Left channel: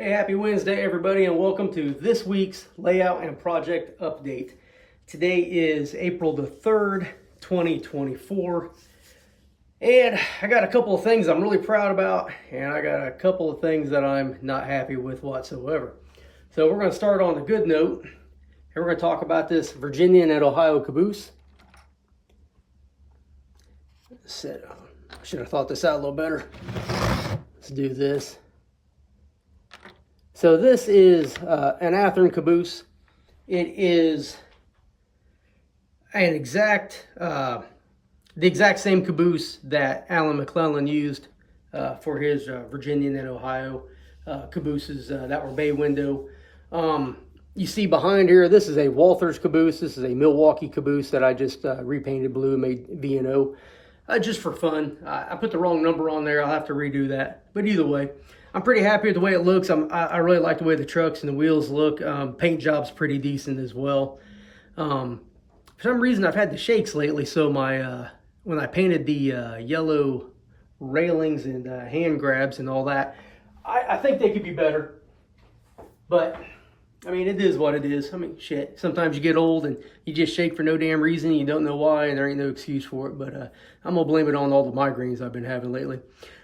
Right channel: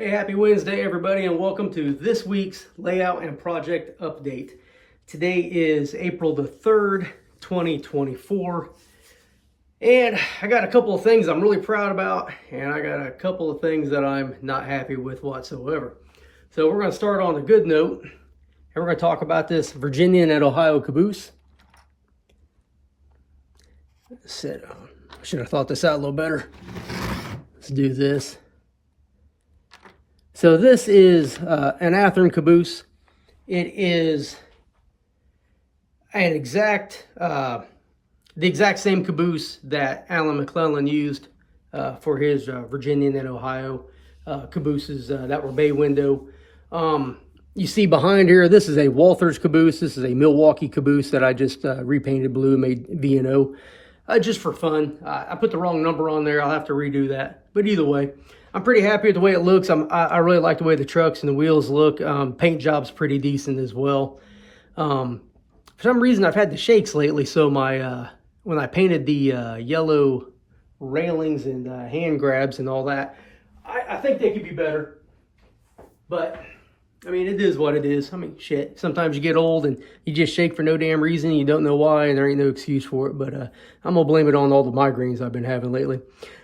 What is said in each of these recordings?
Hey, happy Wednesday, everybody, and welcome to this week's layout and project update. Today is April the 3rd, 2024, and I got a couple of things I'm really proud about, and I got a couple of things that I'm not happy with whatsoever. So we're going to start on a good note, and we're going to talk about this Virginian and Ohio Caboose. Should have thought this out a little better. Let's do this. So this is an Athearn Caboose. It is the exact same caboose that Alan McClellan used for his Virginian and Ohio cabooses that were bay window. You see behind here, this is a Walthers caboose. This is a Milwaukee caboose that I just repainted blue, made V&O just for fun. I put the wrong number on there. I'll have to redo that. But either way, I'm pretty happy with the way it looks. I really like the way the trucks and the wheels look. Paint job's pretty decent as well. For some reason, I've had the shakes lately, so my when I painted the yellow railings and hand grabs and all that, I think they could be better. But, I mean, it is what it is. I mean, shit. Sometimes you get old and you just shake for no damn reason. You don't know why, and there ain't no excuse for it. But I'm going to blame it on all the migraines I've been having lately.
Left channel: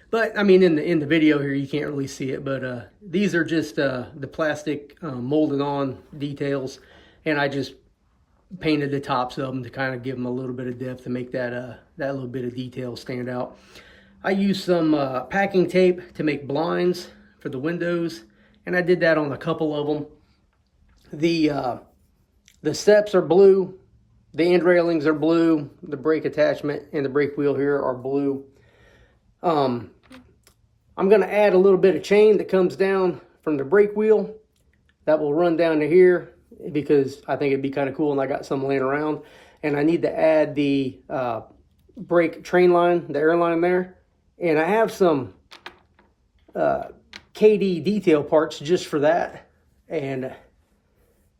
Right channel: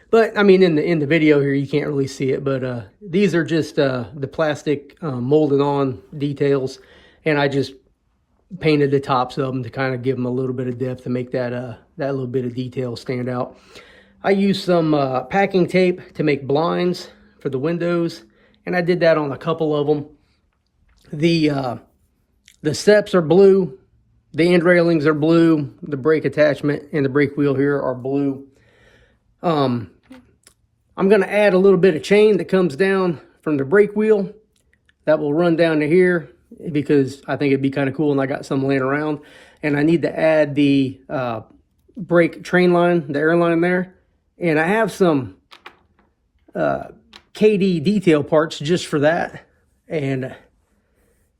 But, I mean, in the video here, you can't really see it. But these are just the plastic molded on details. And I just painted the tops of them to kind of give them a little bit of depth to make that that little bit of detail stand out. I used some packing tape to make blinds for the windows. And I did that on a couple of them. The steps are blue. The end railings are blue. The brake attachment and the brake wheel here are blue. I'm going to add a little bit of chain that comes down from the brake wheel that will run down to here because I think it'd be kind of cool, and I got some laying around. And I need to add the brake train line, the air line there. And I have some KD detail parts just for that. And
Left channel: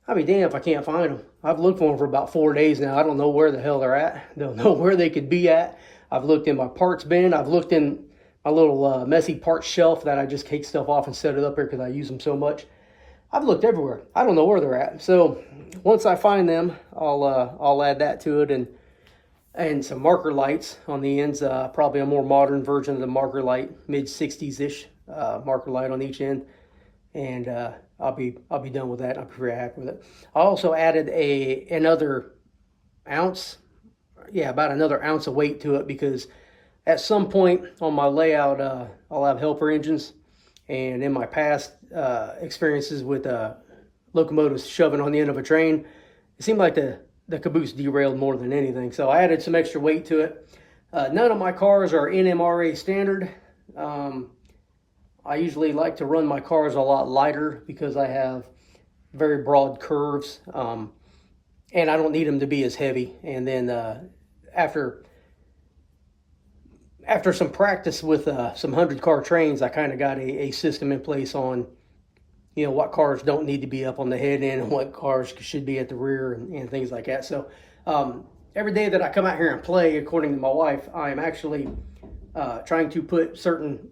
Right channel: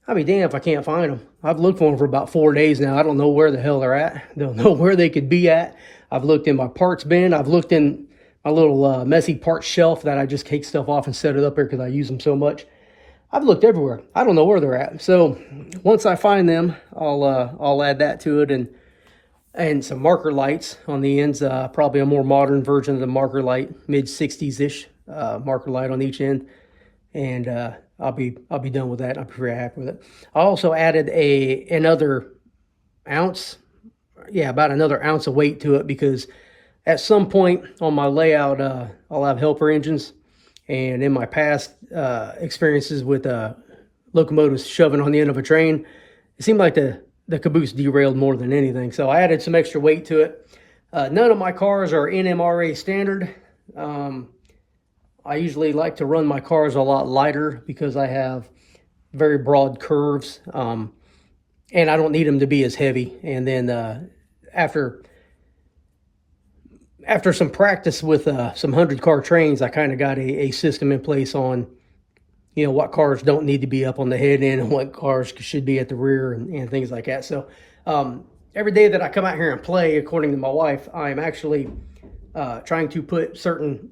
I'll be damned if I can't find them. I've looked for them for about 4 days now. I don't know where the hell they're at. Don't know where they could be at. I've looked in my parts bin. I've looked in a little messy parts shelf that I just take stuff off and set it up here because I use them so much. I've looked everywhere. I don't know where they're at. So once I find them, I'll add that to it, and some marker lights on the ends. Probably a more modern version of the marker light, mid 60s-ish marker light on each end, and I'll be done with that. I'll be very happy with it. I also added another ounce. Yeah, about another ounce of weight to it because at some point on my layout, I'll have helper engines. And in my past experiences with locomotives shoving on the end of a train, it seemed like the caboose derailed more than anything. So I added some extra weight to it. None of my cars are NMRA standard. I usually like to run my cars a lot lighter because I have very broad curves. And I don't need them to be as heavy. And then after some practice with some 100-car trains, I kind of got a system in place on, you know, what cars don't need to be up on the head end and what cars should be at the rear and things like that. So every day that I come out here and play, according to my wife, I'm actually trying to put certain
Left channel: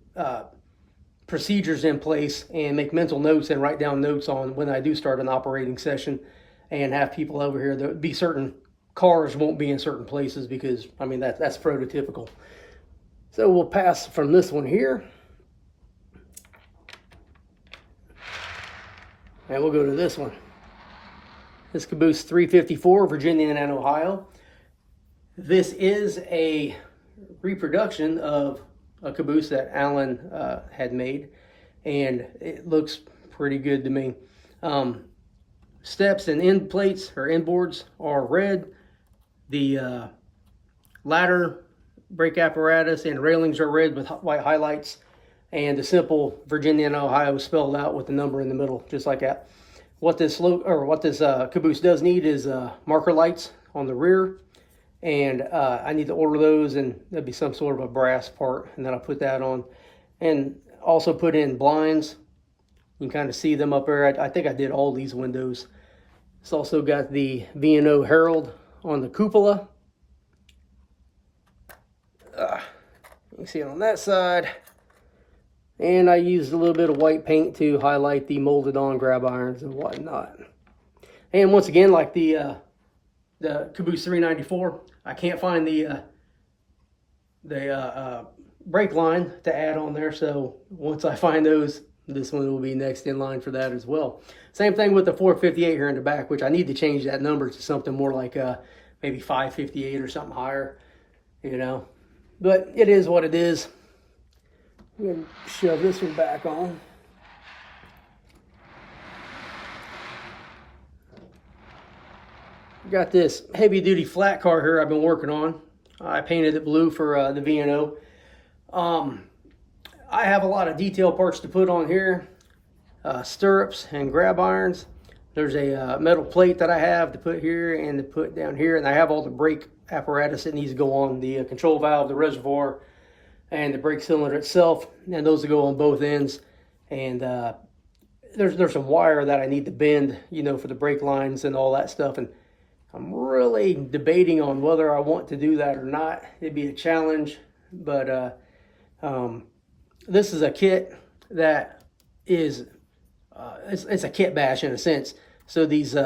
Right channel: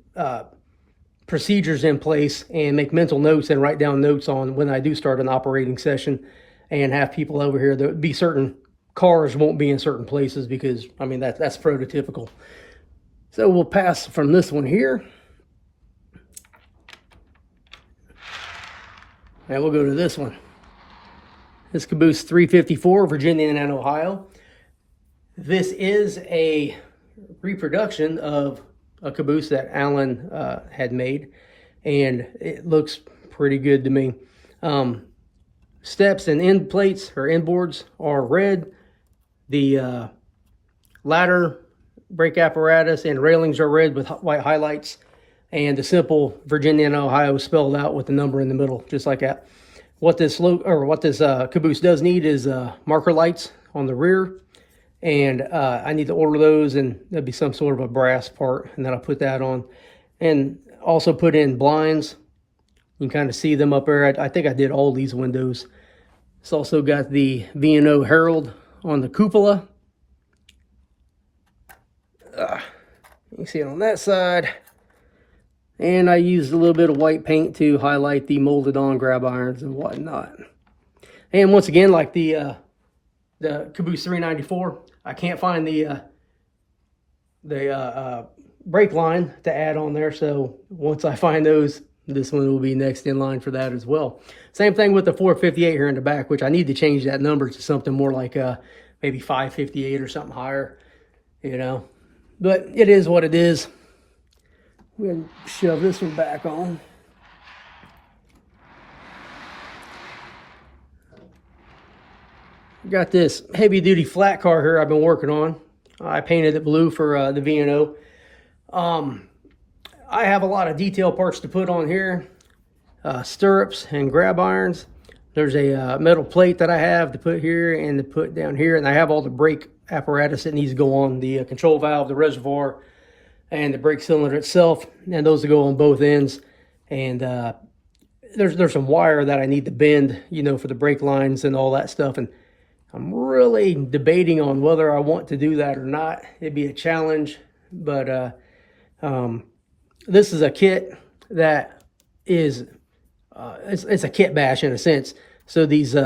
procedures in place and make mental notes and write down notes on when I do start an operating session and have people over here. There would be certain cars won't be in certain places because, I mean, that's prototypical. So we'll pass from this one here. And we'll go to this one. This Caboose 354, Virginia and Ohio. This is a reproduction of a caboose that Alan had made, and it looks pretty good to me. Steps and end plates or end boards are red. The ladder, brake apparatus, and railings are red with white highlights, and the simple Virginia and Ohio spelled out with the number in the middle, just like that. What this caboose does need is marker lights on the rear, and I need to order those, and that'd be some sort of a brass part, and then I'll put that on, and also put in blinds. You can kind of see them up there. I think I did all these windows. It's also got the V&O Herald on the cupola. You can see it on that side. And I used a little bit of white paint to highlight the molded on grab irons and whatnot. And once again, like the Caboose 394, I can't find the brake line to add on there. So once I find those, this one will be next in line for that as well. Same thing with the 458 here in the back, which I need to change that number to something more like maybe 558 or something higher, you know. But it is what it is. I'm going to shove this one back on. Got this heavy duty flat car here I've been working on. I painted it blue for the V&O. I have a lot of detail parts to put on here. Stirrups and grab irons. There's a metal plate that I have to put here and to put down here. And I have all the brake apparatus that needs to go on the control valve, the reservoir, and the brake cylinder itself. And those will go on both ends. And there's some wire that I need to bend, you know, for the brake lines and all that stuff. And I'm really debating on whether I want to do that or not. It'd be a challenge, but this is a kit that is, it's a kit bash in a sense. So these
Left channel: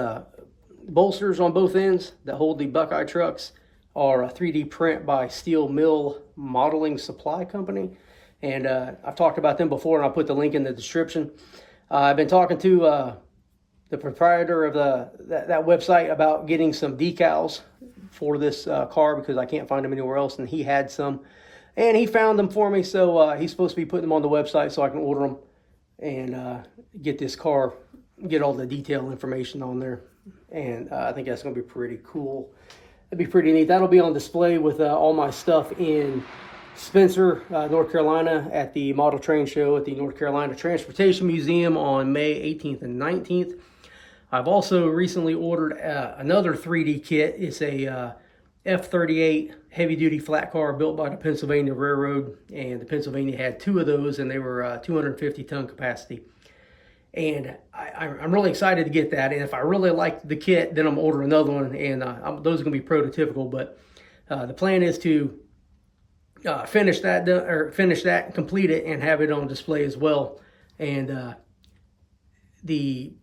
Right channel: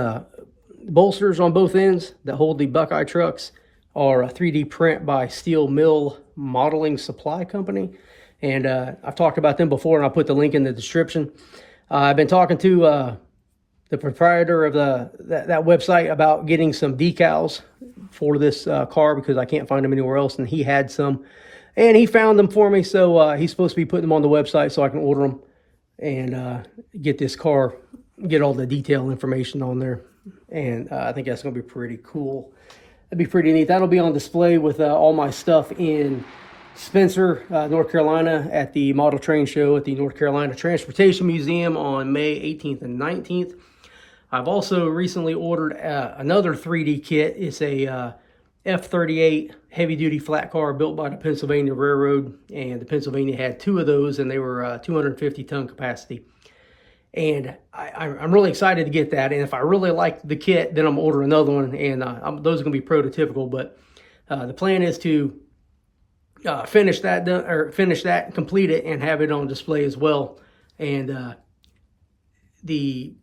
bolsters on both ends that hold the Buckeye trucks are a 3D print by Steel Mill Modeling Supply Company. And I've talked about them before, and I'll put the link in the description. I've been talking to the proprietor of that website about getting some decals for this car because I can't find them anywhere else, and he had some, and he found them for me. So he's supposed to be putting them on the website so I can order them and get this car, get all the detail information on there. And I think that's going to be pretty cool. That'd be pretty neat. That'll be on display with all my stuff in Spencer, North Carolina, at the Model Train Show at the North Carolina Transportation Museum on May 18th and 19th. I've also recently ordered another 3D kit. It's a F-38 heavy-duty flat car built by the Pennsylvania Railroad, and the Pennsylvania had two of those, and they were 250-ton capacity. And I'm really excited to get that, and if I really like the kit, then I'm going to order another one, and those are going to be prototypical, but the plan is to finish that, complete it, and have it on display as well. And the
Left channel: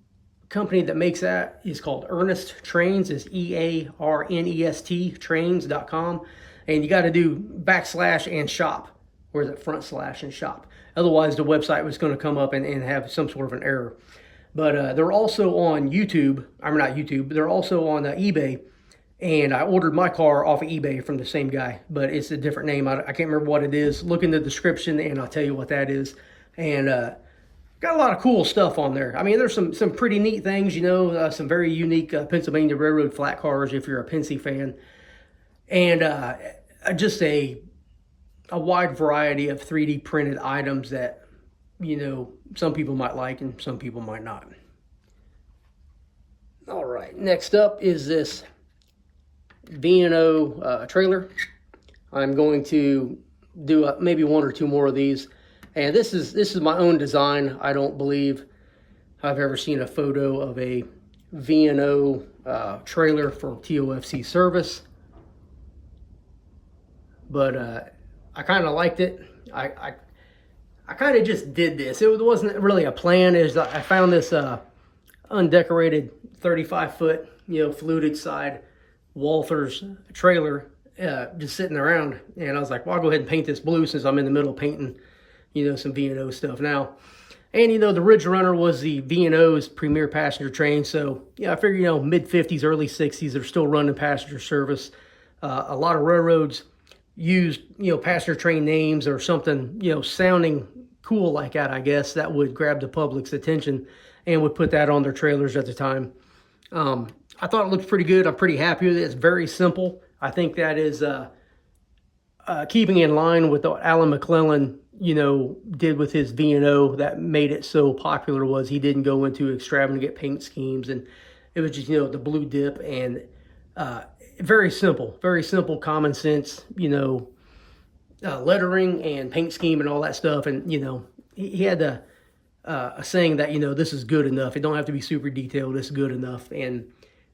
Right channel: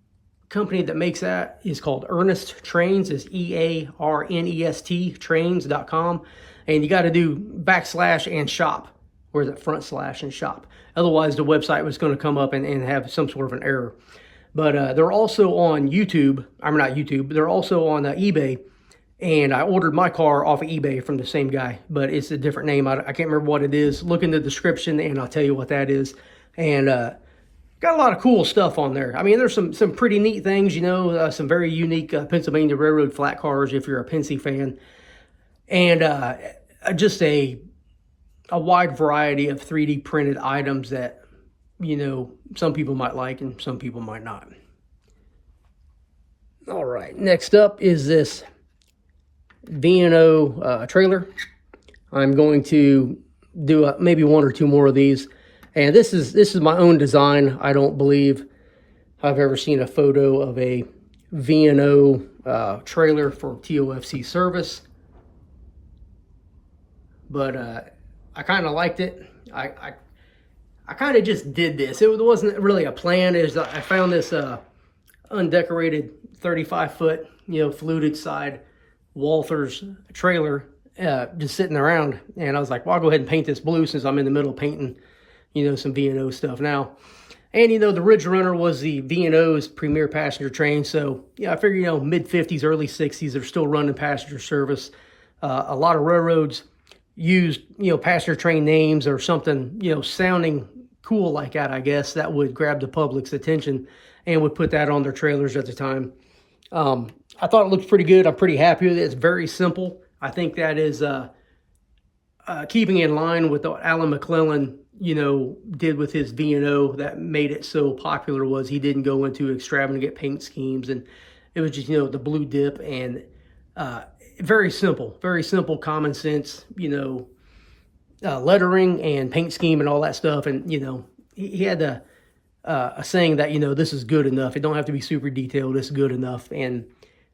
company that makes that is called Ernest Trains. It's EARNEST trains.com, and you got to do / and shop, or the front / and shop. Otherwise the website was going to come up and have some sort of an error. But they're also on YouTube. I'm not YouTube, they're also on eBay, and I ordered my car off of eBay from the same guy, but it's a different name. I can't remember what it is. Look in the description and I'll tell you what that is. And got a lot of cool stuff on there. I mean, there's some pretty neat things, you know, some very unique Pennsylvania Railroad flat cars if you're a Pennsy fan. And just a wide variety of 3D printed items that, you know, some people might like and some people might not. All right, next up is this V&O trailer. I'm going to do maybe one or two more of these. And this is my own design. I don't believe I've ever seen a photo of a V&O trailer for TOFC service. But I kind of liked it. I kind of just did this. It wasn't really a plan. I found this undecorated 35-foot, you know, fluted side Walther's trailer just sitting around. And I was like, well, I'll go ahead and paint this blue since I'm in the middle of painting, you know, some V&O stuff now. And, you know, the Ridge Runner was the V&O's premier passenger train. So, yeah, I figure, you know, mid-50s, early 60s, they're still running passenger service. A lot of railroads used, you know, passenger train names or something, you know, sounding cool like that, I guess, that would grab the public's attention and would put that on their trailers at the time. I thought it looked pretty good. I'm pretty happy with it. It's very simple. I think that is keeping in line with what Alan McClellan, you know, did with his V&O that made it so popular. Was he didn't go into extravagant paint schemes, and it was just, you know, the blue dip and very simple, common sense, you know, lettering and paint scheme and all that stuff. And, you know, he had a saying that, you know, this is good enough. It don't have to be super detailed. It's good enough. And,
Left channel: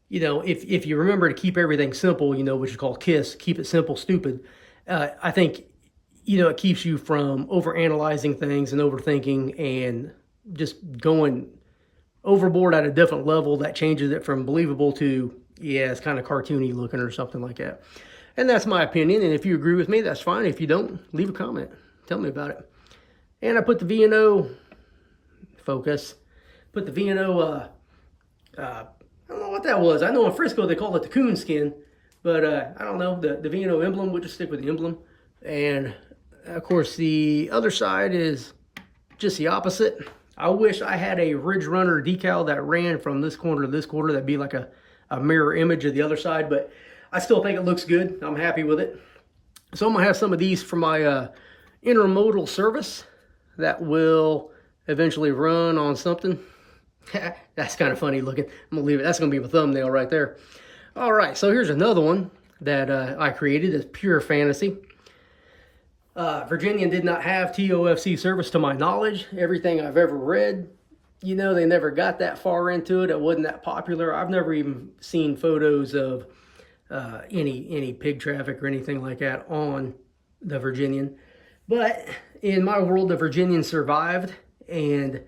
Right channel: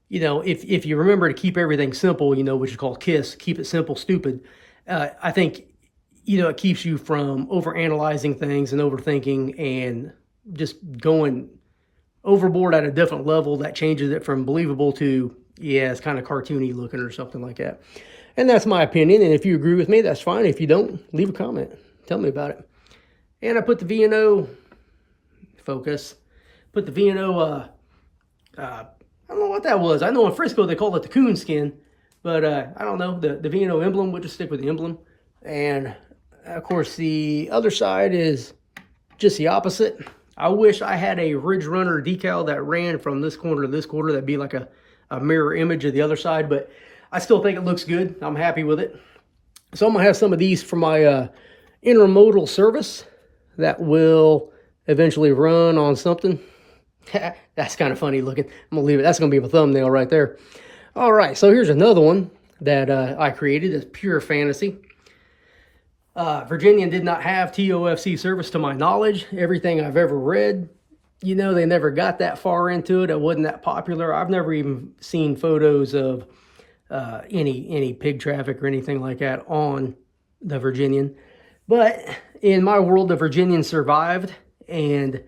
you know, if you remember to keep everything simple, you know, which is called KISS, keep it simple, stupid. I think it keeps you from overanalyzing things and overthinking and just going overboard at a different level that changes it from believable to, yeah, it's kind of cartoony looking or something like that. And that's my opinion. And if you agree with me, that's fine. If you don't, leave a comment. Tell me about it. And I put the V&O, focus, put the V&O, I don't know what that was. I know in Frisco they call it the coon skin, but I don't know, the V&O emblem. We'll just stick with the emblem. And of course, the other side is just the opposite. I wish I had a Ridge Runner decal that ran from this corner to this corner. That'd be like a mirror image of the other side, but I still think it looks good. I'm happy with it. So I'm gonna have some of these for my intermodal service that will eventually run on something. That's kind of funny looking. I'm gonna leave it. That's gonna be a thumbnail right there. All right, so here's another one that I created. It's pure fantasy. Virginian did not have TOFC service to my knowledge. Everything I've ever read, they never got that far into it. It wasn't that popular. I've never even seen photos of any pig traffic or anything like that on the Virginian. But in my world, the Virginian survived, and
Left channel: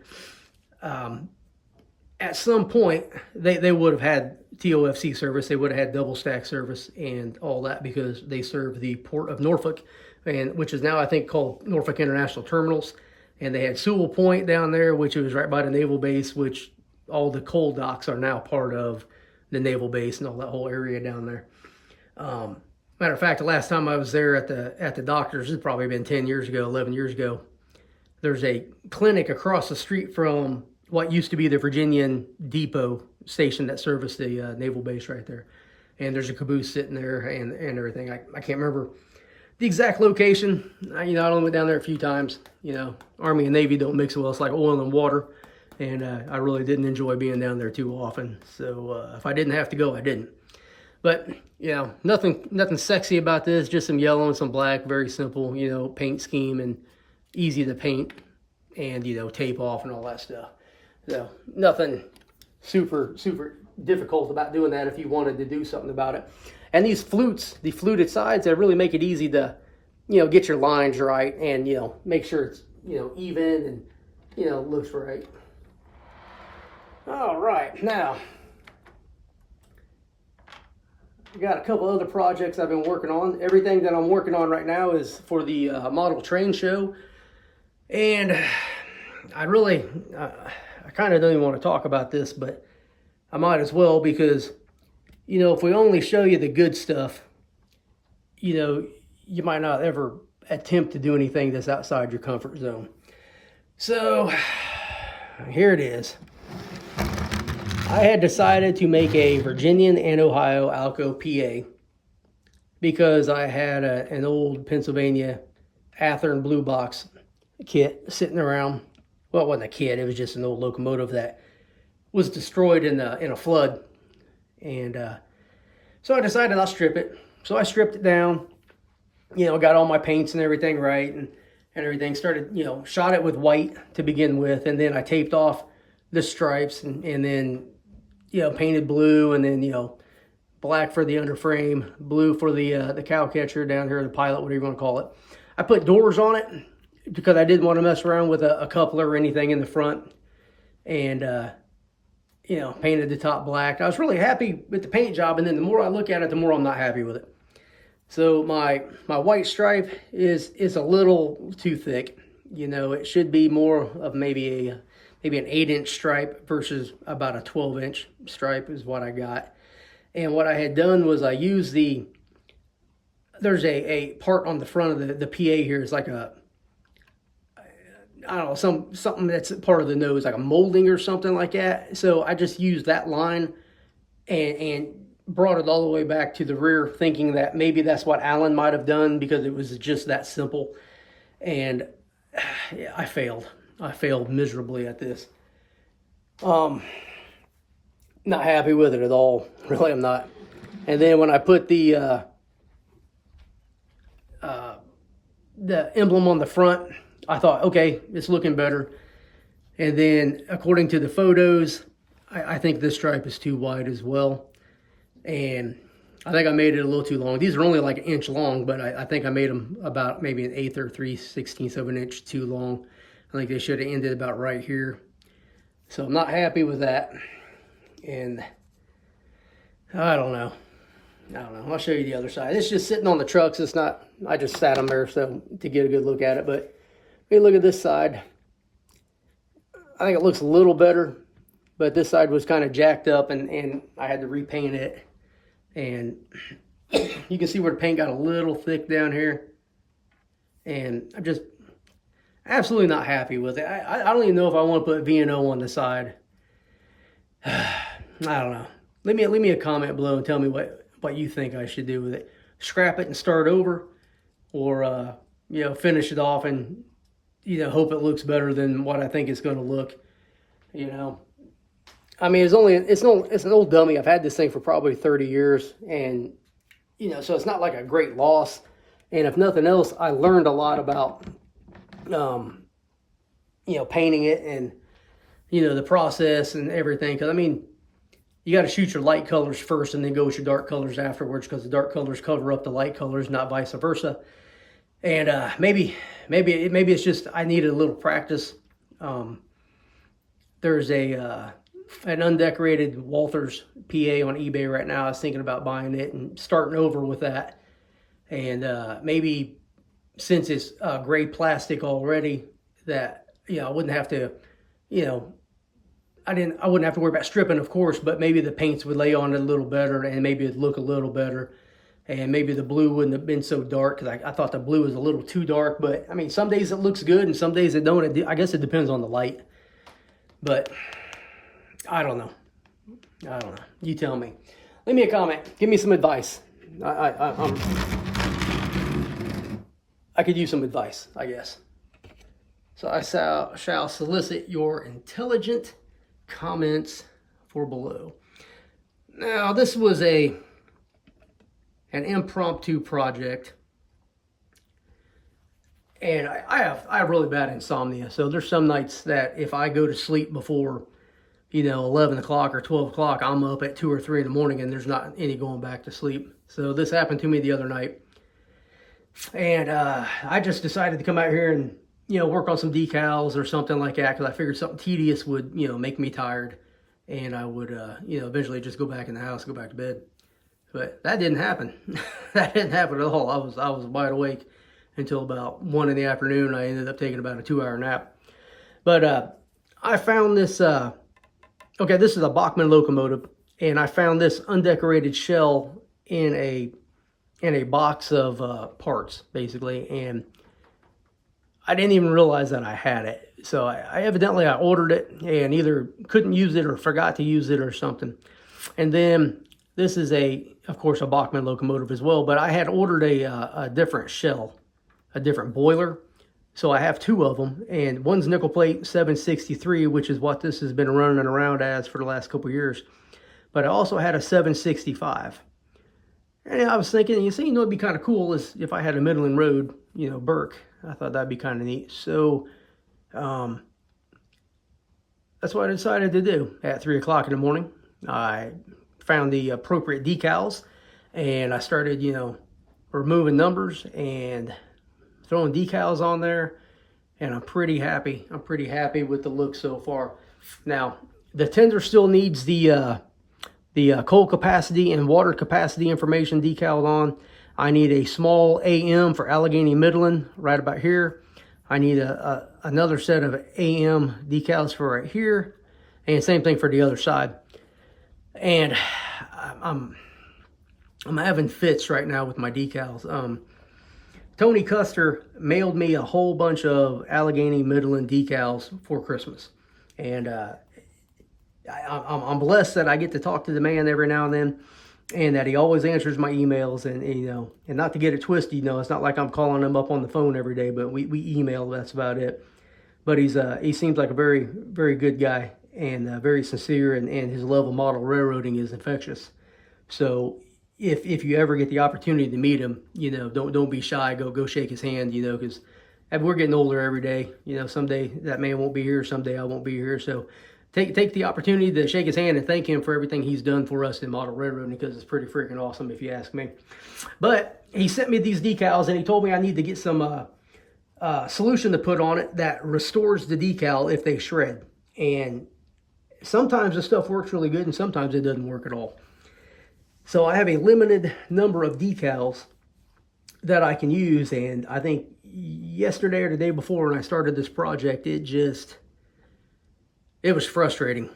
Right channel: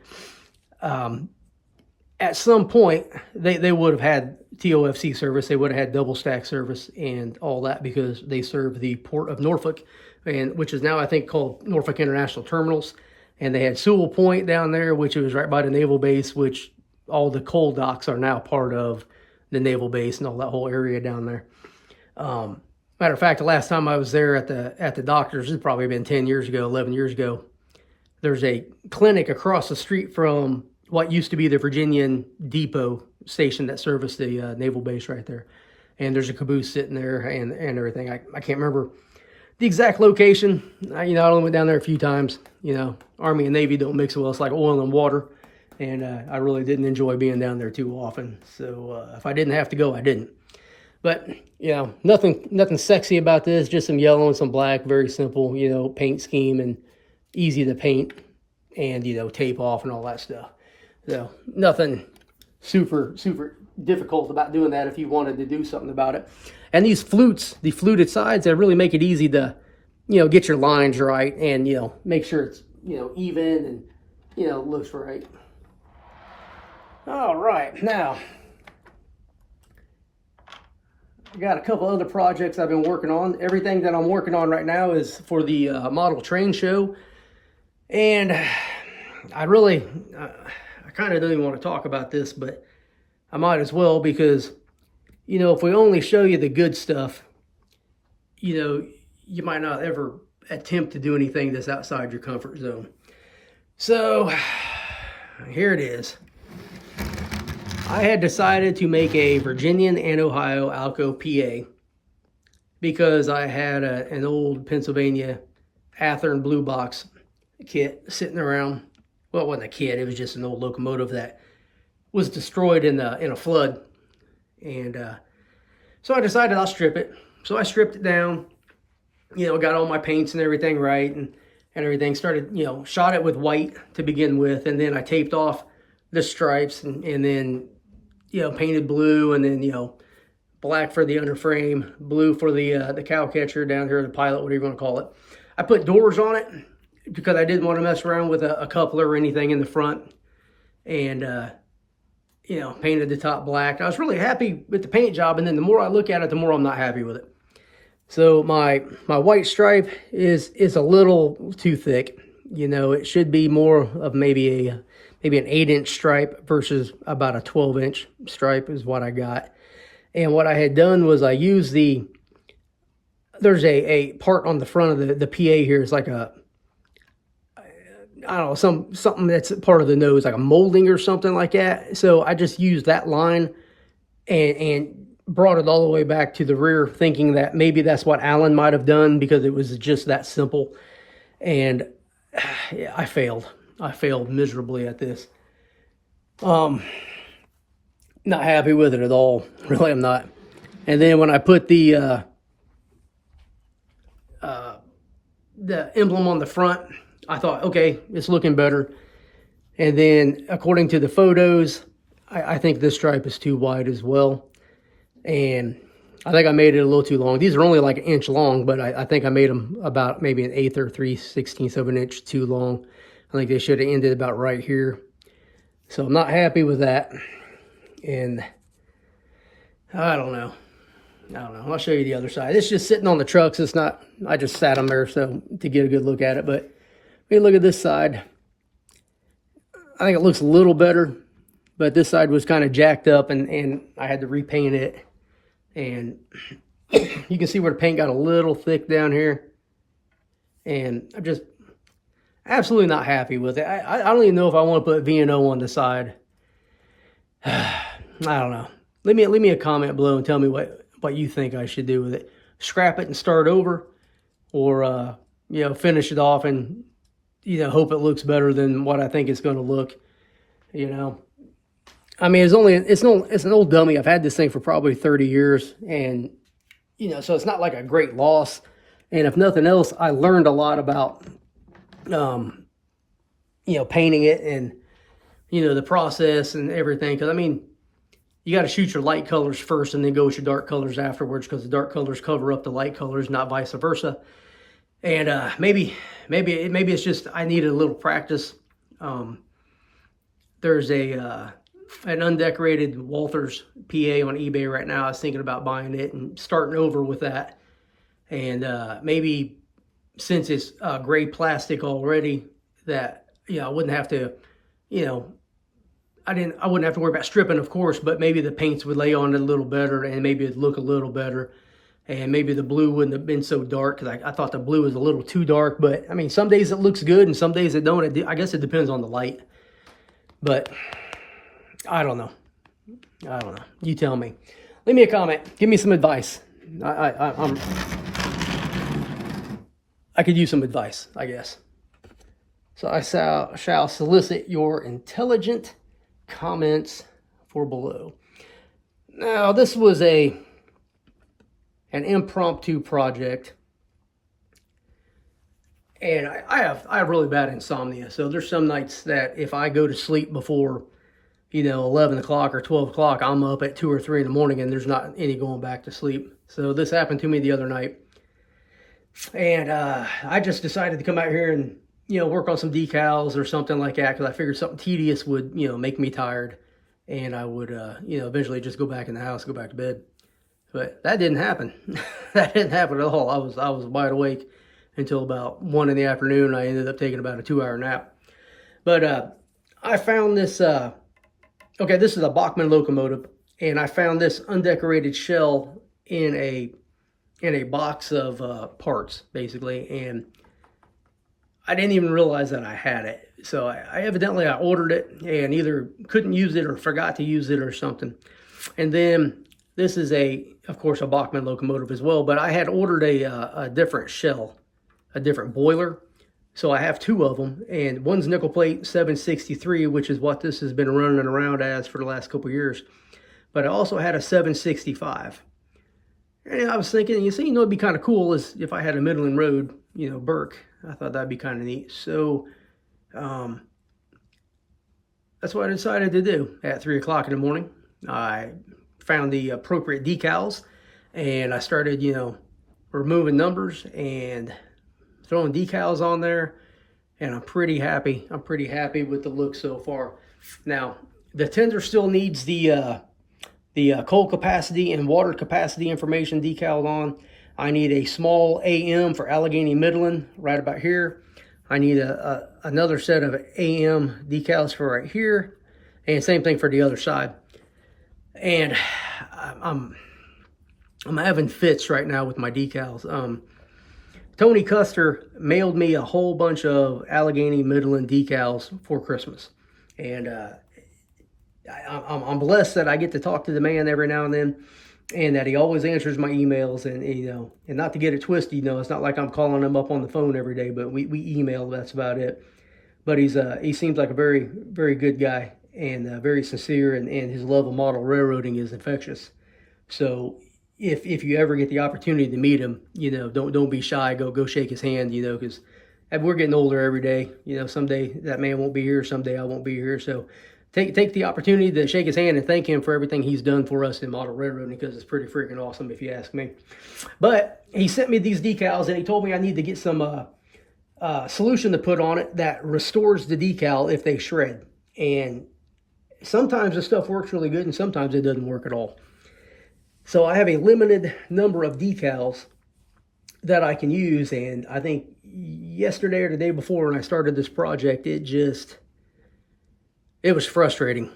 at some point, they would have had TOFC service. They would have had double stack service and all that because they serve the port of Norfolk, which is now, I think, called Norfolk International Terminals. And they had Sewell Point down there, which was right by the naval base, which all the coal docks are now part of the naval base and all that whole area down there. Matter of fact, the last time I was there at the doctors, it's probably been 10 years ago, 11 years ago. There's a clinic across the street from what used to be the Virginian Depot station that serviced the naval base right there. And there's a Caboose sitting there and everything. I can't remember the exact location. I only went down there a few times. Army and Navy don't mix well. It's like oil and water. And I really didn't enjoy being down there too often. So if I didn't have to go, I didn't. But, nothing sexy about this. Just some yellow and some black. Very simple, paint scheme and easy to paint and, tape off and all that stuff. Nothing super difficult about doing that if you wanted to do something about it. And these flutes, the fluted sides, they really make it easy to, get your lines right and, make sure it's, even and, looks right. All right, now, I got a couple other projects I've been working on. Everything that I'm working on right now is for the model train show. And I kind of don't even want to talk about this, but I might as well because, if we only show you the good stuff, you might not ever attempt to do anything that's outside your comfort zone. So here it is. I had decided to make a Virginian and Ohio Alco PA because I had an old Pennsylvania Athearn blue box kit sitting around. Well, it wasn't a kit, it was just an old locomotive that was destroyed in a flood. And so I decided I'll strip it. So I stripped it down, got all my paints and everything right and everything. Started, shot it with white to begin with. And then I taped off the stripes and then, painted blue and then, black for the underframe, blue for the cow catcher down here, the pilot, whatever you want to call it. I put doors on it because I didn't want to mess around with a coupler or anything in the front. And, painted the top black. I was really happy with the paint job, and then the more I look at it, the more I'm not happy with it. So my white stripe is a little too thick. It should be more of maybe an 8-inch stripe versus about a 12-inch stripe is what I got. And what I had done was I used there's a part on the front of the PA here. It's like I don't know, something that's part of the nose, like a molding or something like that. So I just used that line and brought it all the way back to the rear, thinking that maybe that's what Alan might have done because it was just that simple. And yeah, I failed. I failed miserably at this. Not happy with it at all. Really, I'm not. And then when I put the emblem on the front, I thought, okay, it's looking better. And then according to the photos, I think this stripe is too wide as well. And I think I made it a little too long. These are only like an inch long, but I think I made them about maybe 1/8 or 3/16 of an inch too long. I think they should have ended about right here. So I'm not happy with that. And I don't know. I'll show you the other side. It's just sitting on the trucks. It's not, I just sat them there so to get a good look at it. But hey, look at this side. I think it looks a little better, but this side was kind of jacked up and I had to repaint it. And you can see where the paint got a little thick down here. And I'm just absolutely not happy with it. I don't even know if I want to put V&O on the side. I don't know. Leave me a comment below and tell me what you think I should do with it. Scrap it and start over, or you know, finish it off and, you know, hope it looks better than what I think it's going to look. You know, I mean, it's an old dummy. I've had this thing for probably 30 years, and you know, so it's not like a great loss. And if nothing else, I learned a lot about you know, painting it and, you know, the process and everything. Because I mean, you got to shoot your light colors first and then go with your dark colors afterwards, because the dark colors cover up the light colors, not vice versa. And maybe it's just I needed a little practice. There's an undecorated Walthers PA on eBay right now. I was thinking about buying it and starting over with that. And maybe since it's gray plastic already, that, you know, I wouldn't have to, you know, I wouldn't have to worry about stripping, of course, but maybe the paints would lay on it a little better and maybe it'd look a little better. And maybe the blue wouldn't have been so dark, because I thought the blue was a little too dark. But I mean, some days it looks good and some days it don't. I guess it depends on the light. But I don't know. You tell me. Leave me a comment. Give me some advice. I could use some advice, I guess. So I shall solicit your intelligent comments for below. Now, this was an impromptu project, and I have really bad insomnia. So there's some nights that if I go to sleep before, you know, 11 o'clock or 12 o'clock, I'm up at 2 or 3 in the morning, and there's not any going back to sleep. So this happened to me the other night, and I just decided to come out here and, you know, work on some decals or something like that, because I figured something tedious would, you know, make me tired, and I would, you know, eventually just go back in the house, go back to bed. But that didn't happen. That didn't happen at all. I was wide awake until about 1 in the afternoon. I ended up taking about a 2-hour nap. But I found this. Okay, this is a Bachmann locomotive, and I found this undecorated shell in a box of parts, basically, and I didn't even realize that I had it. So I evidently ordered it and either couldn't use it or forgot to use it or something. And then this is of course, a Bachmann locomotive as well, but I had ordered a different shell, a different boiler. So I have 2 of them, and one's nickel plate 763, which is what this has been running around as for the last couple of years. But I also had a 765. And I was thinking, you know, it'd be kind of cool is if I had a Midland Road, you know, Burke. I thought that'd be kind of neat. So that's what I decided to do at 3 o'clock in the morning. I found the appropriate decals, and I started, you know, removing numbers and throwing decals on there, and I'm pretty happy. I'm pretty happy with the look so far. Now, the tender still needs the coal capacity and water capacity information decaled on. I need a small AM for Allegheny Midland right about here. I need another set of AM decals for right here, and same thing for the other side. And I'm having fits right now with my decals. Tony Custer mailed me a whole bunch of Allegheny Midland decals for Christmas, and I'm blessed that I get to talk to the man every now and then, and that he always answers my emails. And you know, and not to get it twisted, you know, it's not like I'm calling him up on the phone every day, but we email. That's about it. But he seems like a very, very good guy, and very sincere, and his love of model railroading is infectious. So if you ever get the opportunity to meet him, you know, don't be shy. Go shake his hand, you know, because we're getting older every day. You know, someday that man won't be here, someday I won't be here. So take the opportunity to shake his hand and thank him for everything he's done for us in model railroading, because it's pretty freaking awesome if you ask me. But he sent me these decals, and he told me I need to get some solution to put on it that restores the decal if they shred. And sometimes the stuff works really good and sometimes it doesn't work at all. So I have a limited number of decals that I can use, and I think yesterday or the day before when I started this project, it was frustrating.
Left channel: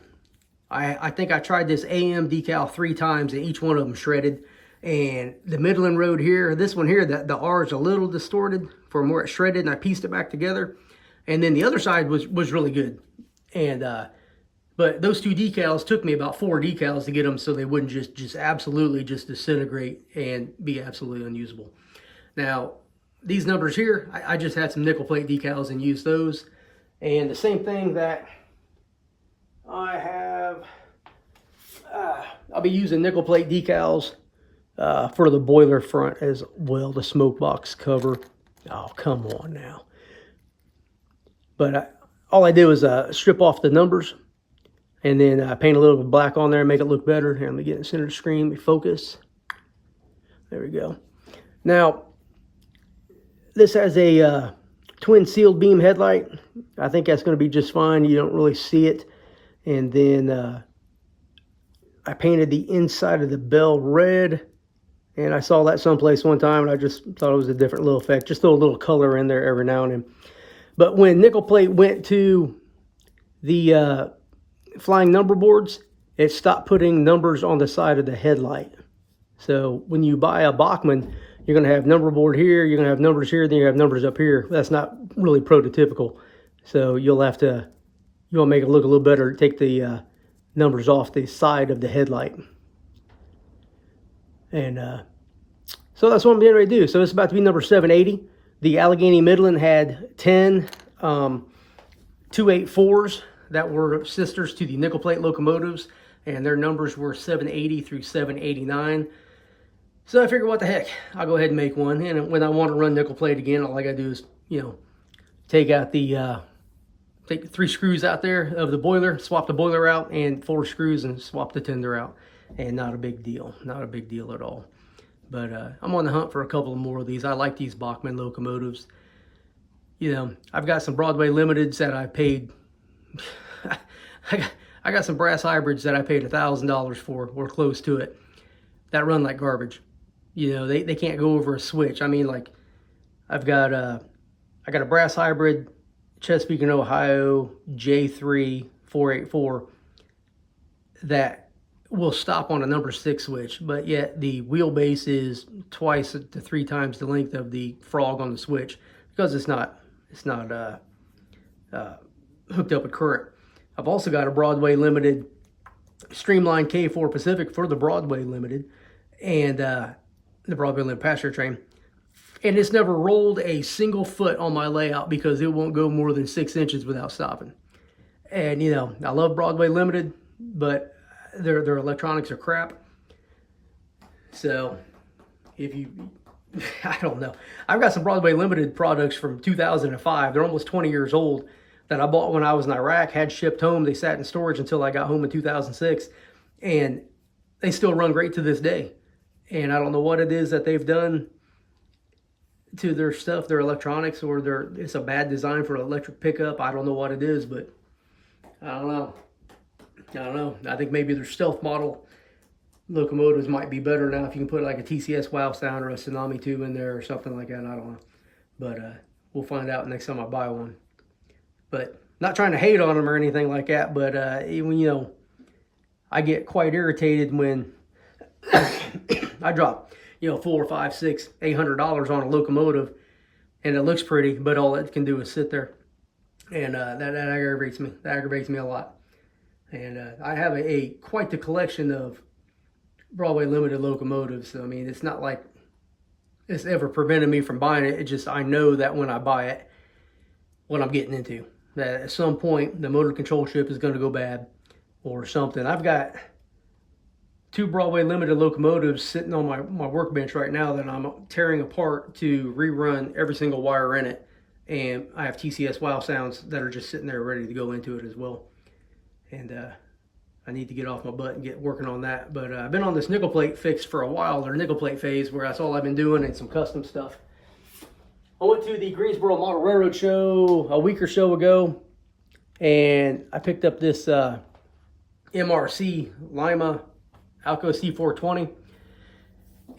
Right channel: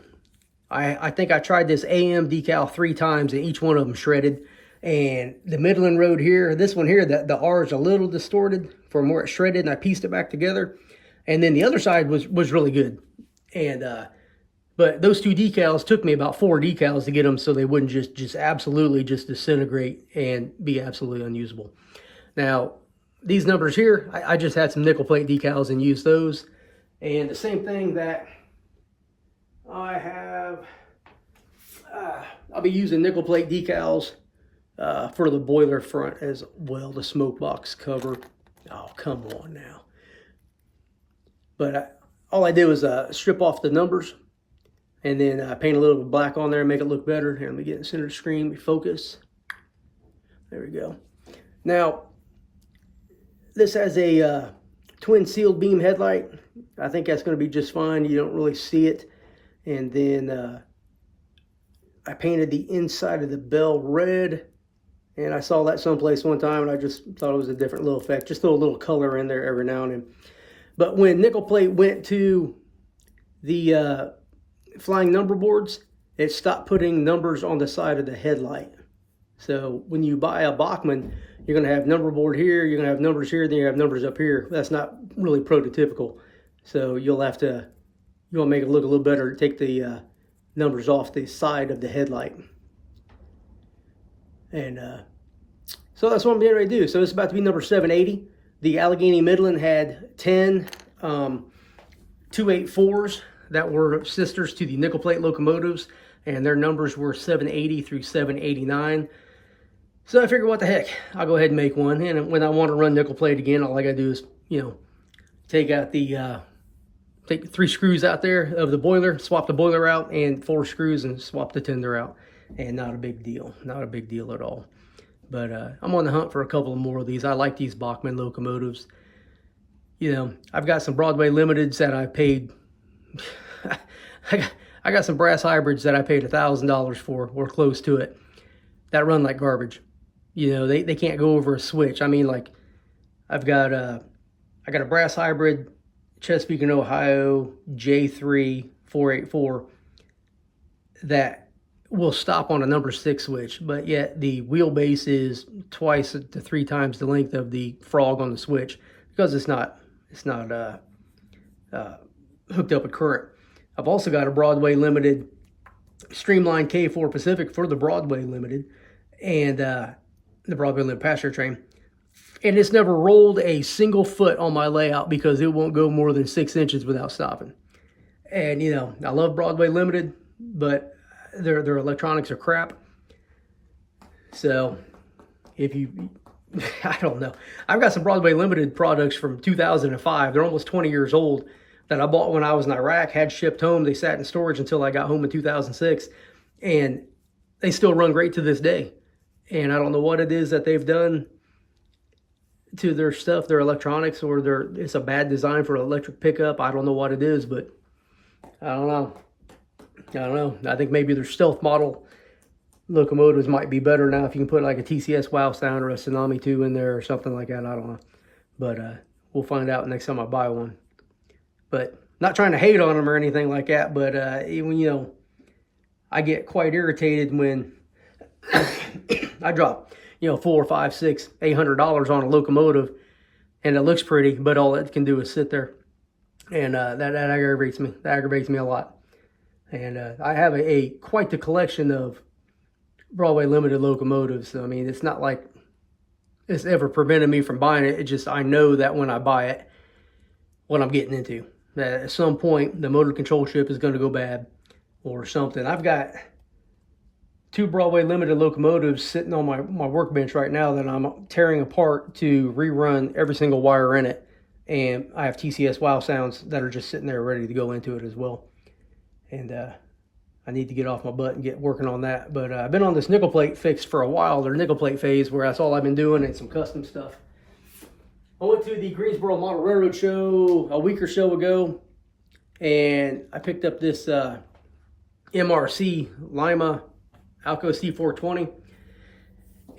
I think I tried this AM decal 3 times and each one of them shredded. And the Midland Road here, this one here, the R is a little distorted from where it shredded, and I pieced it back together. And then the other side was really good. And but those 2 decals took me about 4 decals to get them so they wouldn't just absolutely just disintegrate and be absolutely unusable. Now, these numbers here, I just had some nickel plate decals and used those. And the same thing that I have, I'll be using nickel plate decals for the boiler front as well, the smoke box cover. Oh, come on now. But all I did was strip off the numbers and then paint a little bit of black on there and make it look better. Here, let me get in the center screen, focus. There we go. Now, this has a twin sealed beam headlight. I think that's going to be just fine. You don't really see it. And then I painted the inside of the bell red. And I saw that someplace one time, and I just thought it was a different little effect. Just throw a little color in there every now and then. But when nickel plate went to the flying number boards, it stopped putting numbers on the side of the headlight. So when you buy a Bachmann, you're going to have number board here, you're going to have numbers here, then you have numbers up here. That's not really prototypical. So you'll want to make it look a little better, take the numbers off the side of the headlight. And so that's what I'm getting ready to do. So it's about to be number 780. The Allegheny Midland had 10 284s that were sisters to the nickel plate locomotives, and their numbers were 780 through 789. So I figured, what the heck, I'll go ahead and make one. And when I want to run nickel plate again, all I gotta do is, take out the take 3 screws out there of the boiler, swap the boiler out, and 4 screws and swap the tender out. And not a big deal, not a big deal at all. But I'm on the hunt for a couple of more of these. I like these Bachmann locomotives. I've got some Broadway Limiteds that I paid. I got some brass hybrids that I paid $1,000 for, or close to it, that run like garbage. They can't go over a switch. I mean, like, I got a brass hybrid Chesapeake and Ohio J3 484 that will stop on a number 6 switch, but yet the wheelbase is 2 to 3 times the length of the frog on the switch, because it's not hooked up with current. I've also got a Broadway Limited Streamline K4 Pacific for the Broadway Limited and the Broadway Limited passenger train, and it's never rolled a single foot on my layout because it won't go more than 6 inches without stopping. And I love Broadway Limited, but their electronics are crap. So if you, I don't know. I've got some Broadway Limited products from 2005. They're almost 20 years old that I bought when I was in Iraq, had shipped home. They sat in storage until I got home in 2006. And they still run great to this day. And I don't know what it is that they've done to their stuff, their electronics, or it's a bad design for electric pickup. I don't know what it is, but I don't know. I think maybe their stealth model locomotives might be better now if you can put like a TCS Wow Sound or a Tsunami 2 in there or something like that. I don't know. But we'll find out next time I buy one. But not trying to hate on them or anything like that, but even, I get quite irritated when I drop, $400, $500, $600, $800 on a locomotive and it looks pretty, but all it can do is sit there. And that aggravates me. That aggravates me a lot. And I have quite the collection of Broadway Limited locomotives. So, I mean, it's not like it's ever prevented me from buying it. It's just I know that when I buy it, what I'm getting into. That at some point, the motor control ship is going to go bad or something. I've got 2 Broadway Limited locomotives sitting on my workbench right now that I'm tearing apart to rerun every single wire in it. And I have TCS Wow Sounds that are just sitting there ready to go into it as well. and I need to get off my butt and get working on that. But I've been on this nickel plate fix for a while, or nickel plate phase, where that's all I've been doing, and some custom stuff. I went to the Greensboro Model Railroad show a week or so ago, and I picked up this MRC Lima Alco C420.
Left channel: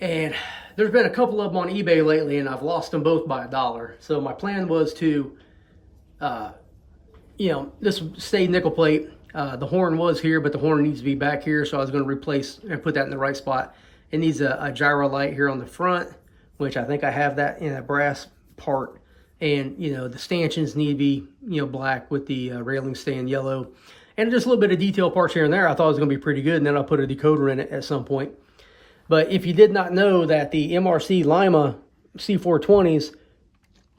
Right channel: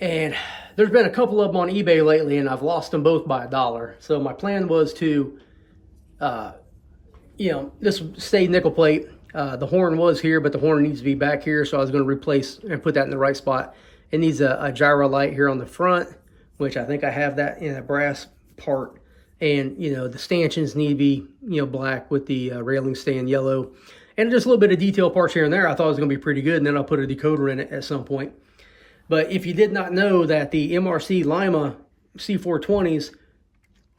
And there's been a couple of them on eBay lately, and I've lost them both by $1. So my plan was to, this stayed nickel plate. The horn was here, but the horn needs to be back here. So I was going to replace and put that in the right spot. It needs a gyro light here on the front, which I think I have that in a brass part. And, the stanchions need to be, black with the railing staying yellow. And just a little bit of detail parts here and there. I thought it was going to be pretty good. And then I'll put a decoder in it at some point. But if you did not know that the MRC Lima C420s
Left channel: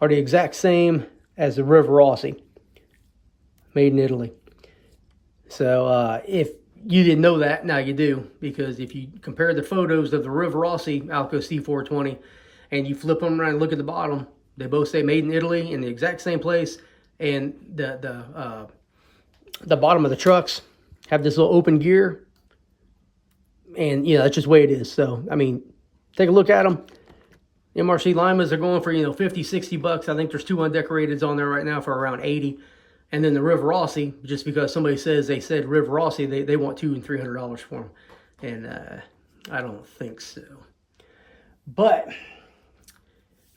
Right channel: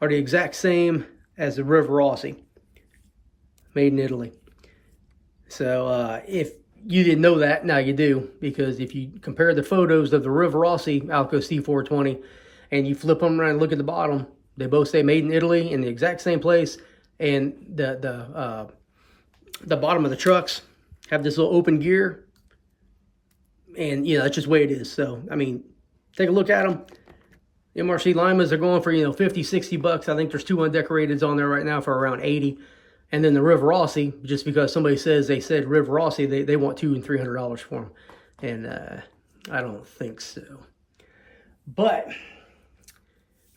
are the exact same as the River Rossi, made in Italy. So if you didn't know that, now you do, because if you compare the photos of the River Rossi Alco C420 and you flip them around and look at the bottom, they both say made in Italy in the exact same place, and the bottom of the trucks have this little open gear. And, that's just the way it is. So, I mean, take a look at them. MRC Limas are going for, $50-$60. I think there's 2 undecorateds on there right now for around 80. And then the River Rossi, just because somebody says they said River Rossi, they want $200 and $300 for them. And I don't think so. But,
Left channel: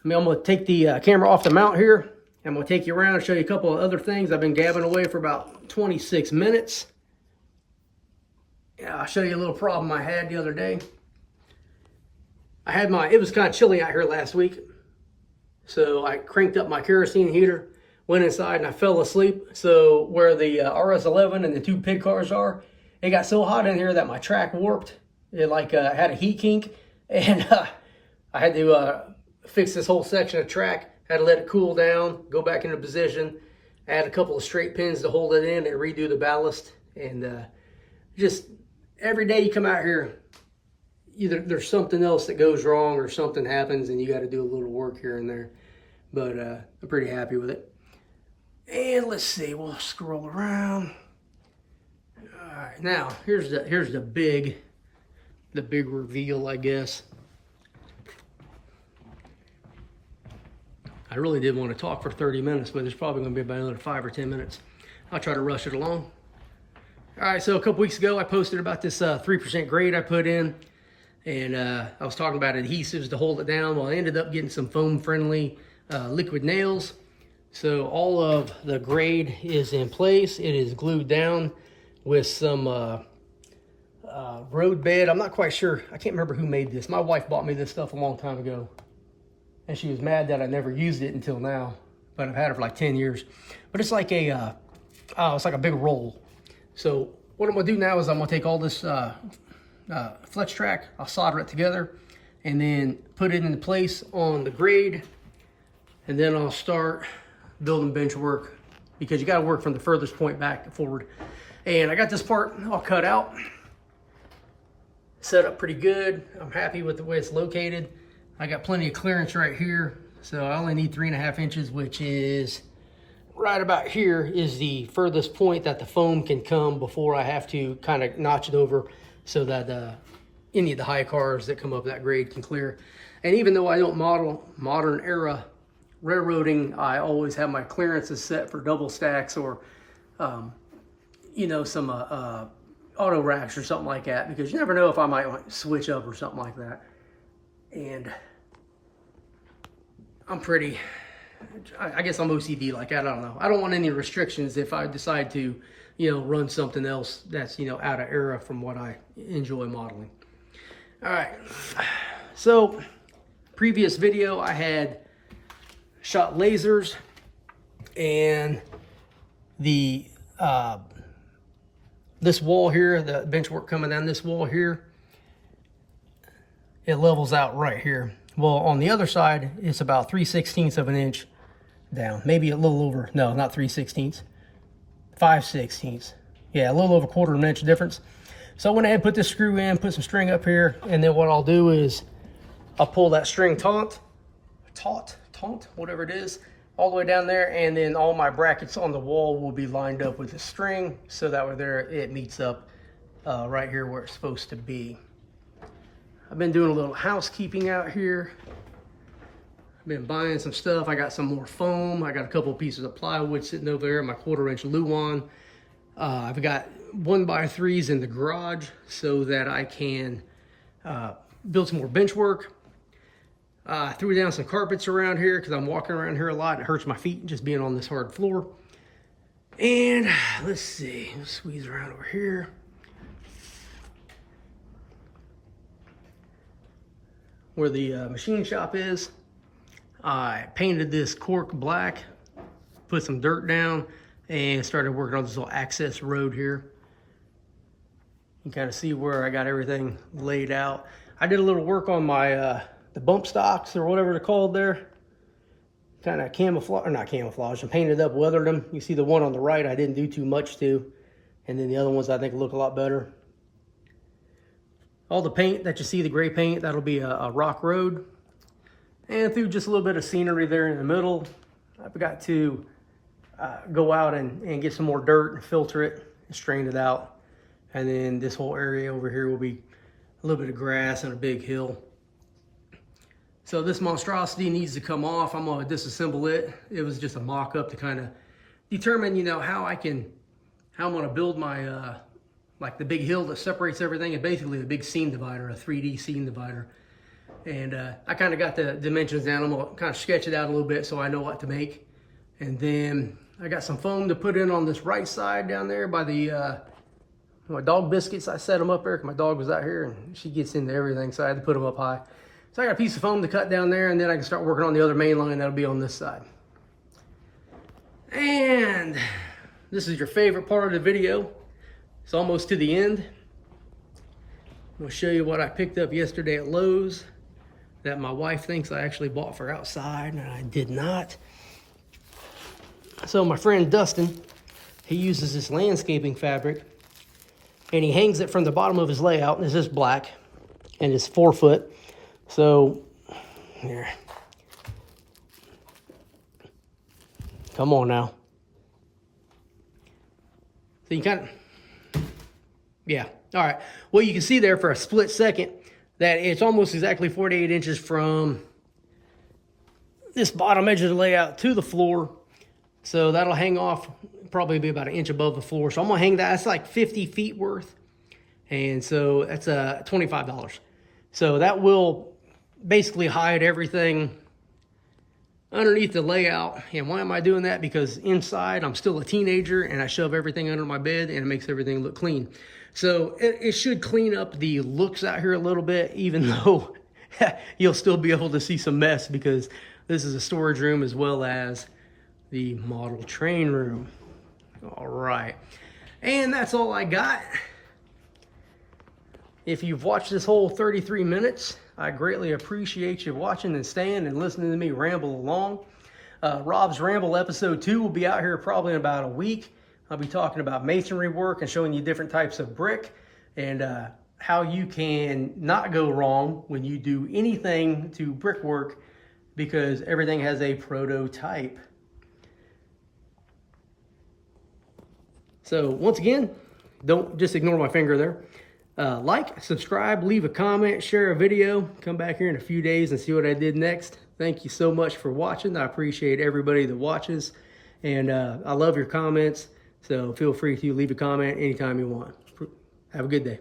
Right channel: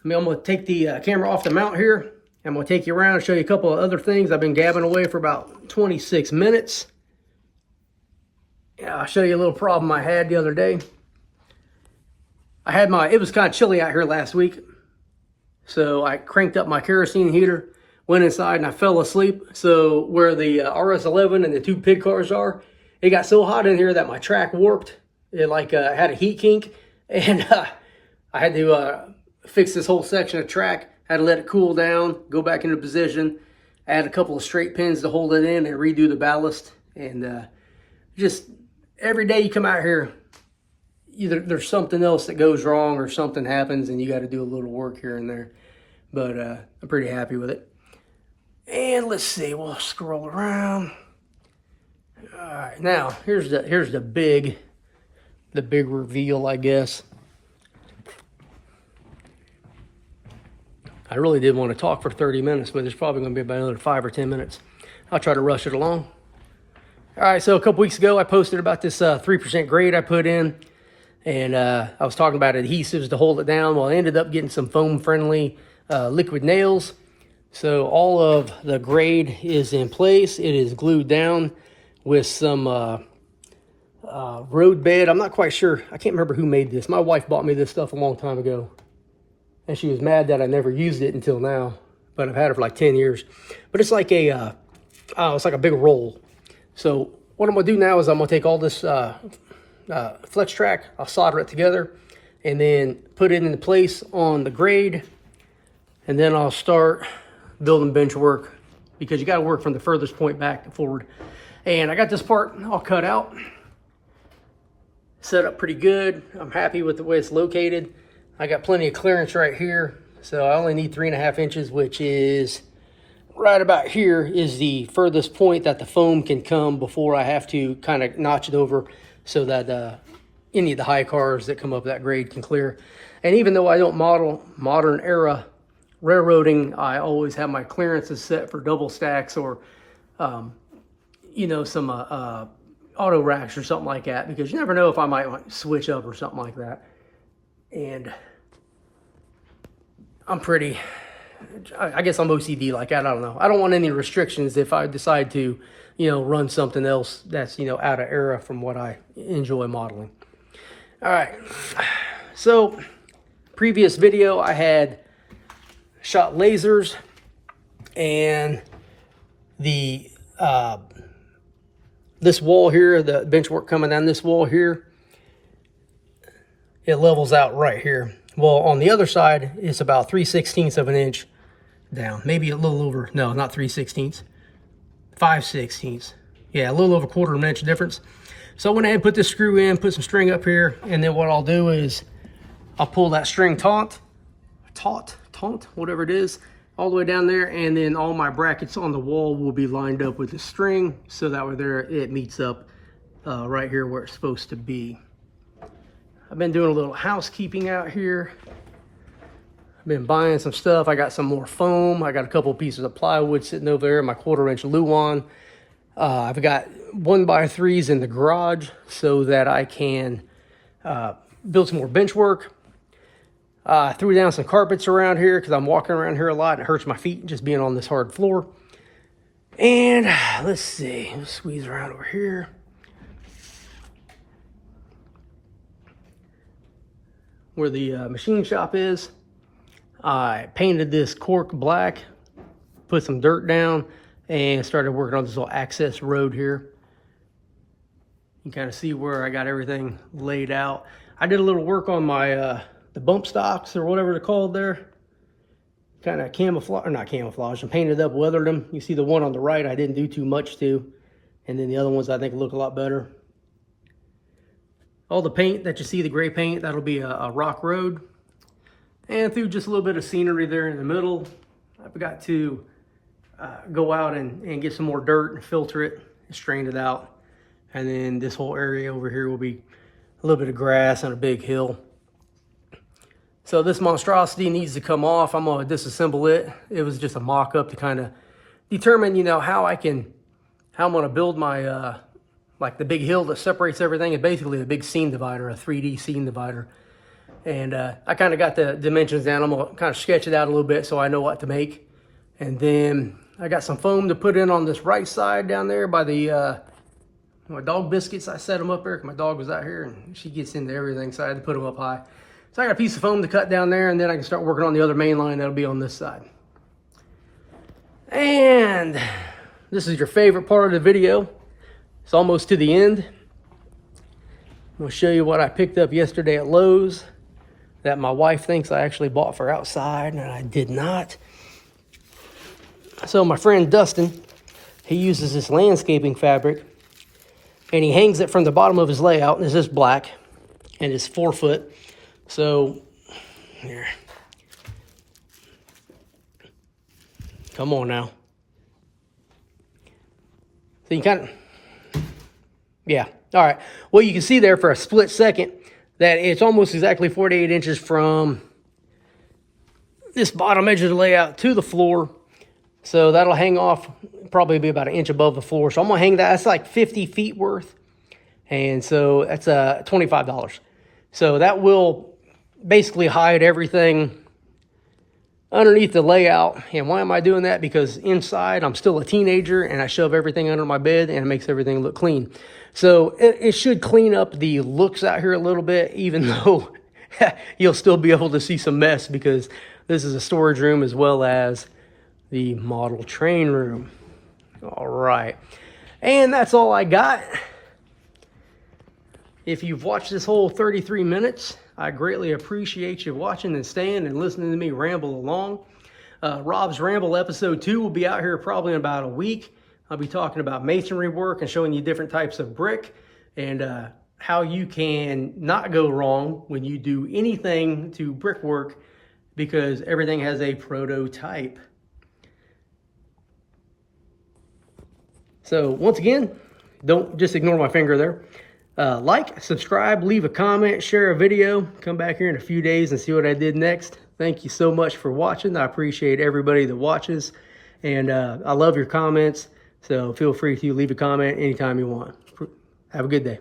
I'm going to take the camera off the mount here. I'm going to take you around and show you a couple of other things. I've been gabbing away for about 26 minutes. Yeah, I'll show you a little problem I had the other day. It was kind of chilly out here last week. So I cranked up my kerosene heater, went inside, and I fell asleep. So where the RS11 and the 2 pig cars are, it got so hot in here that my track warped. It had a heat kink. And I had to fix this whole section of track. Had to let it cool down, go back into position, add a couple of straight pins to hold it in, and redo the ballast. And just every day you come out here, either there's something else that goes wrong or something happens and you got to do a little work here and there. But I'm pretty happy with it. And let's see, we'll scroll around. All right, now here's the big reveal, I guess. I really did want to talk for 30 minutes, but there's probably going to be about another 5 or 10 minutes. I'll try to rush it along. All right, so a couple weeks ago, I posted about this 3% grade I put in, and I was talking about adhesives to hold it down. Well, I ended up getting some foam-friendly liquid nails. So all of the grade is in place. It is glued down with some road bed. I'm not quite sure. I can't remember who made this. My wife bought me this stuff a long time ago, and she was mad that I never used it until now. But I've had it for like 10 years. But it's like it's like a big roll. So what I'm going to do now is I'm going to take all this flex track, I'll solder it together, and then put it into place on the grade, and then I'll start building bench work, because you got to work from the furthest point back to forward. And I got this part all cut out, set up pretty good. I'm happy with the way it's located. I got plenty of clearance right here, so I only need 3.5 inches, which is right about here is the furthest point that the foam can come before I have to kind of notch it over so that any of the high cars that come up that grade can clear. And even though I don't model modern era railroading, I always have my clearances set for double stacks or, some auto racks or something like that, because you never know if I might switch up or something like that. And I guess I'm OCD like that. I don't know. I don't want any restrictions if I decide to, run something else that's, out of era from what I enjoy modeling. All right. So previous video, I had shot lasers, and the, this wall here, the bench work coming down this wall here, it levels out right here. Well, on the other side, it's about 3/16 of an inch down. Maybe a little over, no, not 3/16, 5/16. Yeah, a little over 1/4 of an inch difference. So I went ahead and put this screw in, put some string up here, and then what I'll do is I'll pull that string taut, whatever it is, all the way down there, and then all my brackets on the wall will be lined up with the string, so that way there it meets up right here where it's supposed to be. I've been doing a little housekeeping out here. I've been buying some stuff. I got some more foam. I got a couple pieces of plywood sitting over there, my 1/4-inch Luan. I've got 1x3s in the garage so that I can build some more bench work. Threw down some carpets around here because I'm walking around here a lot and it hurts my feet just being on this hard floor. And let's see, let's squeeze around over here. Where the machine shop is, I painted this cork black, put some dirt down, and started working on this little access road here. You can kind of see where I got everything laid out. I did a little work on my the bump stocks or whatever they're called there. Kind of camouflage, or not camouflage, and painted up, weathered them. You see the one on the right I didn't do too much to, and then the other ones I think look a lot better. All the paint that you see, the gray paint, that'll be a rock road. And through just a little bit of scenery there in the middle, I've got to go out and get some more dirt and filter it and strain it out. And then this whole area over here will be a little bit of grass and a big hill. So this monstrosity needs to come off. I'm gonna disassemble it. It was just a mock-up to kind of determine, you know, how I'm gonna build my, like the big hill that separates everything. It's basically a big seam divider, a 3D seam divider. And I kind of got the dimensions down. I'm gonna kind of sketch it out a little bit so I know what to make. And then I got some foam to put in on this right side down there by the, my dog biscuits. I set them up there because my dog was out here and she gets into everything, so I had to put them up high. So I got a piece of foam to cut down there, and then I can start working on the other main line that'll be on this side. And this is your favorite part of the video. It's almost to the end. I'm gonna show you what I picked up yesterday at Lowe's that my wife thinks I actually bought for outside, and I did not. So my friend Dustin, he uses this landscaping fabric, and he hangs it from the bottom of his layout, and it's just black, and it's 4 foot. So, here. Come on now. So you kind of, yeah. All right. Well, you can see there for a split second that it's almost exactly 48 inches from this bottom edge of the layout to the floor. So that'll hang off, probably be about 1 inch above the floor. So I'm gonna hang that. That's like 50 feet worth. And so that's $25. So that will basically hide everything underneath the layout. And why am I doing that? Because inside I'm still a teenager and I shove everything under my bed and it makes everything look clean. So it should clean up the looks out here a little bit, even though you'll still be able to see some mess because this is a storage room as well as the model train room. All right. And that's all I got. If you've watched this whole 33 minutes, I greatly appreciate you watching and staying and listening to me ramble along. Rob's Ramble episode 2 will be out here probably in about a week. I'll be talking about masonry work and showing you different types of brick and how you can not go wrong when you do anything to brickwork because everything has a prototype. So once again, don't just ignore my finger there. Like, subscribe, leave a comment, share a video. Come back here in a few days and see what I did next. Thank you so much for watching. I appreciate everybody that watches. And I love your comments. So feel free to leave a comment anytime you want. Have a good day.